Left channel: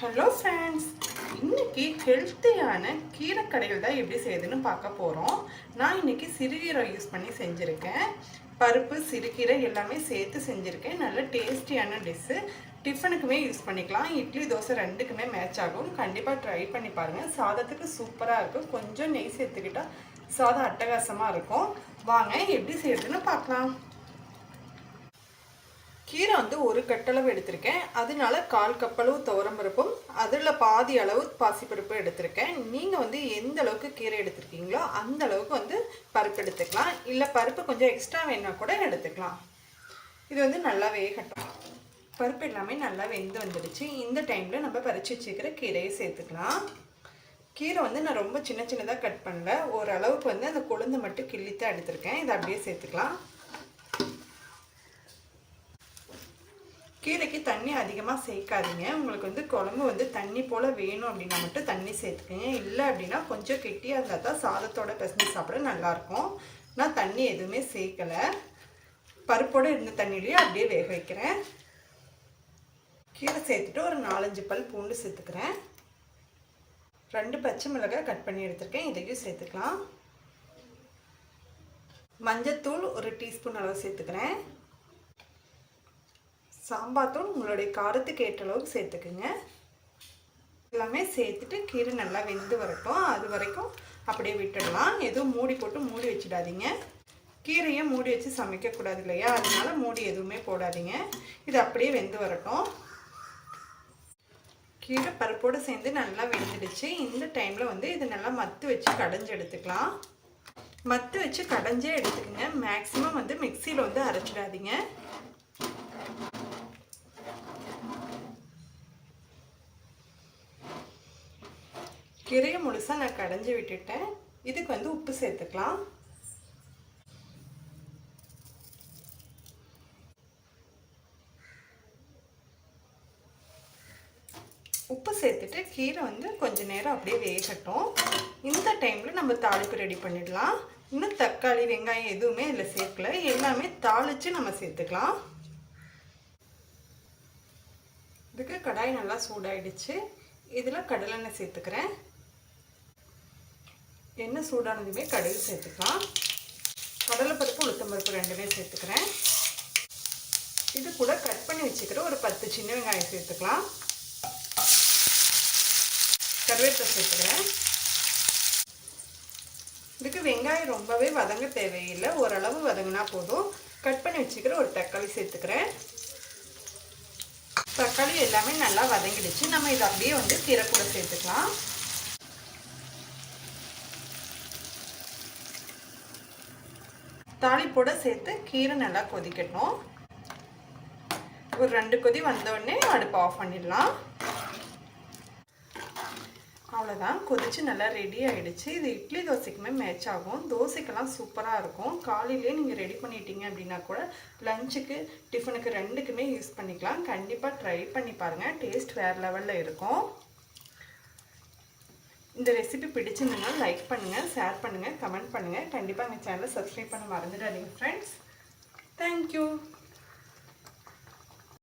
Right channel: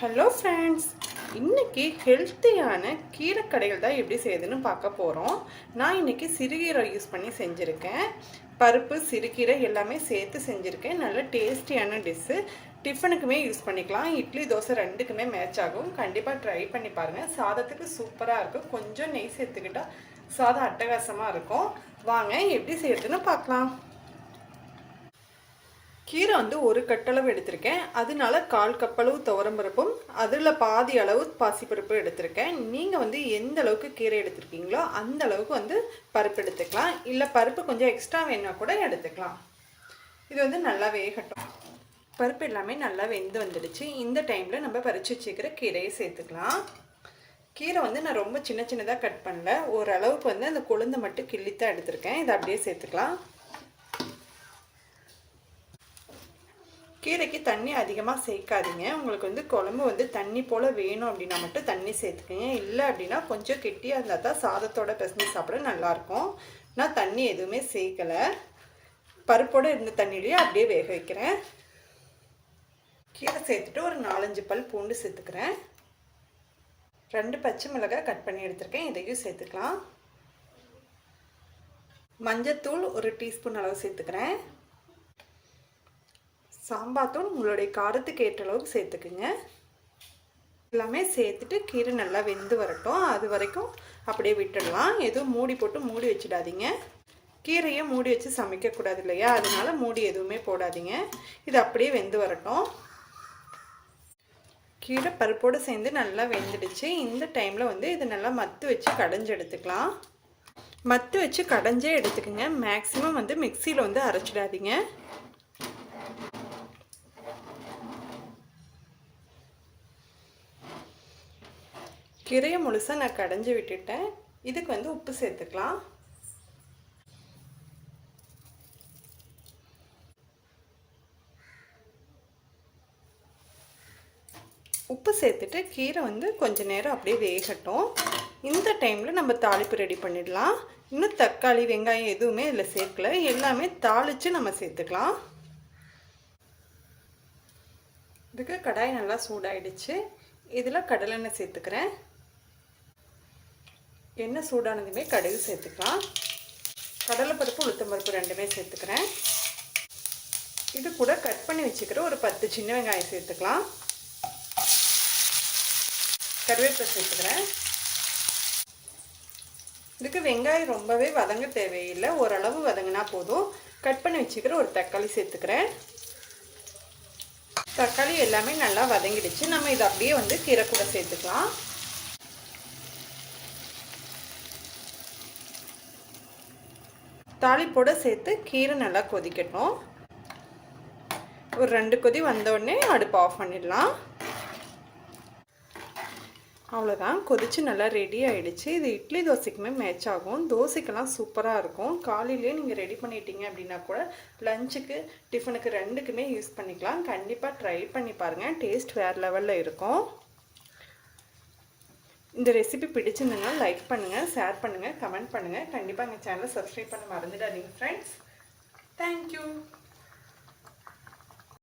Hello friends இன்னைக்கு ஹெல்த்தியான கீரை கடைகள் தான் எப்படி செய்யுதுன்னு பார்க்க போகிறோம் நான் இன்னைக்கு சிறுகீரை யூஸ் பண்ணி செஞ்சுருக்கேன். பருப்பு சிறுகீரை எல்லாமே சேர்த்து செஞ்சுருக்கேன். நல்ல டேஸ்டியான டிஷ்ஷு டிஃபனுக்குமே யூஸ் பண்ணிக்கலாம். இட்லி தோசை ரெண்டுக்குமே மேட்ச் ஆகும். கண்டிப்பாக ட்ரை பண்ணி பாருங்கள் சாதத்துக்கு சூப்பராக இருக்கும். கொஞ்சம் நெய் சேர்த்துக்கிட்டா சாதம் அட்டகாசமாக இருக்கும். வாங்க எப்படி செய்யறதுன்னு பார்க்கலாம். கீரை வந்து ஒரு கட்டளவு எடுத்திருக்கேன். அதனால கால் கப்பளவு துவரம்பருப்பும் அதில் பாதி அளவு பாசிப்பருப்பு எடுத்திருக்கேன். நீங்கள் வந்து எந்த அளவுக்கு கீரை எடுத்திருக்கீங்களோ அந்த அளவுக்கு வந்து பருப்பு எடுத்துக்கலாம். இல்லை பருப்பு கொஞ்சம் எக்ஸ்ட்ரா வேணால் கூட எடுத்துக்கலாம். இது வந்து நல்லா வேகட்டும். பருப்பு எல்லாமே நல்லா வெந்து வந்துடுச்சு. இந்த டைமில் நம்ம பறித்து வச்சுக்கிற கீரையை சேர்த்துக்கலாம். கீரை வந்து நான் ரொம்ப சின்ன சின்னதாக கட் பண்ணல. ஓரளவுக்கு வந்து அந்த கொழுந்தை மட்டும் கிள்ளித்தான் எடுத்திருக்கேன். இதை அப்படியே சேர்த்துக்கலாம். கீரைக்கு தண்ணி அதிகமாக சேர்க்காதீங்க. உங்களுக்கு வந்து குழம்பு வந்து தண்ணி போல் வேணும் அப்படின்னா மட்டும் தண்ணி சேர்த்துக்கங்க. இல்லை அப்படின்னா கொஞ்சம் கெட்டியாக இருந்தால் தான் சாதத்தோட பிசைஞ்சு சாப்பிட நல்லாயிருக்கும். நான் தண்ணி எதுவுமே சேர்க்கலை. பருப்போடு இருந்த தண்ணியிலேயே அப்படியே வேக வைக்கிறேன். கீரை சேர்த்துட்டு ஒரு நாலஞ்சு பல் பூண்டு சேர்த்துக்கிறேன். ரெண்டு பச்சை மிளகாய் கட் பண்ணி எடுத்திருக்கேன். இதையும் சேர்த்துக்கலாம். மஞ்சத்தூள் ஒரு டீஸ்பூன் அளவு சேர்த்துக்கிறேன். சாம்பார் தூள் உங்களுடைய காரத்துக்கு ஏற்ற அளவுக்கு சேர்த்துக்குங்க. எல்லாமே சேர்த்துட்டு கீரை நல்லா வெந்து வரட்டும். அது வரைக்கும் அப்படியே விட்டுடலாம். எதுவும் மூடி போட்டு மூடி வச்சிடாதீங்க. கீரையை மூடி வச்சு சமைக்கக்கூடாது இல்லையா? அதனால மூடி எதுவுமே போடாதீங்க. இது அப்படியே வெந்து வரட்டும். கீரை பருப்போடு சேர்ந்து நல்லா வெந்துடுச்சு. இந்த டைமில் வந்து இது நல்லா மத்து வச்சு கடைஞ்சி எடுத்துக்கலாம். மத்து வச்சு கடைஞ்சே எடுத்துக்கோங்க. மேக்ஸிமம் வந்து மிக்சியில் வந்து அரைச்சிடாதீங்க. கீரையை முழுசாக நான் கடைஞ்சி விட்டுட்டேன். இதுக்கு வந்து உப்பு சேர்த்துக்கலாம். உப்பு சேர்த்துட்டு கீரை வந்து கொஞ்ச நேரம் அப்படியே வேகட்டும். இந்த டைமில் நம்ம தாளிப்பு ரெடி பண்ணிடலாம். இன்னும் தக்காளி வெங்காயம் எதுவுமே இதில் சேர்க்கல. எல்லாமே தாளித்து நம்ம சேர்த்துக்கலாம். இதுக்கு கடாய் நல்லா சூடாயிடுச்சு. இதில் கடலெண்ணெய் சேர்த்துக்கிறேன். எண்ணெய் சூடானதுமே கடுகு சேர்த்துக்கலாம். கடலைப்பருப்பு உளுத்தம்பருப்பு ரெண்டுமே சேர்த்துக்கிறேன். இது கூட கட் பண்ணி வச்சுக்கிற ஒரு பத்து சின்ன வெங்காயம் சேர்த்துக்கலாம். கருவேப்பிலை சேர்த்துக்கிறேன். இதுக்கு வெங்காயம் ரொம்பவே வதங்க தேவையில்லை. ஓரளவு வதங்கினா போதும். கட் பண்ணி வச்சுக்கிற ஒரு தக்காளி சேர்த்துக்கிறேன். தக்காளி எல்லாமே நல்லா வதங்கிடுச்சு. நம்ம இதை அப்படியே வந்து கீரை கூட சேர்த்துக்கலாம். தாளிப்போட சேர்த்து கீரை நல்லா கொதிக்கட்டும். ஒரு ரெண்டு கொதி வந்தோடனே அடுப்பு ஆஃப் பண்ணிடலாம். அவ்வளோதான் கொதிச்சு நல்லா ரெடி ஆகிடுச்சு இது இட்லி தோசைக்குமே மேட்ச் ஆகும். தோசைக்கெல்லாம் சூப்பராக இருக்கும். காலையிலே நீங்கள் ரெடி பண்ணிட்டீங்க அப்படின்னா கூட லஞ்சுக்கு டிஃபனுக்கு ரெண்டுக்குமே யூஸ் பண்ணிக்கலாம். கண்டிப்பாக ட்ரை பண்ணி பாருங்கள் டேஸ்ட் வேறு லெவலில் இருக்கும். இந்த ரெசிபி பிடிச்சிருந்தீங்கன்னா லைக் பண்ணுங்கள் ஷேர் பண்ணுங்கள் கமெண்ட் பண்ணுங்கள் கண்டிப்பாக எங்கள் சேனலை சப்ஸ்கிரைப் பண்ண மறந்துடாதீங்க ஃப்ரெண்ட்ஸ் தேங்க்யூ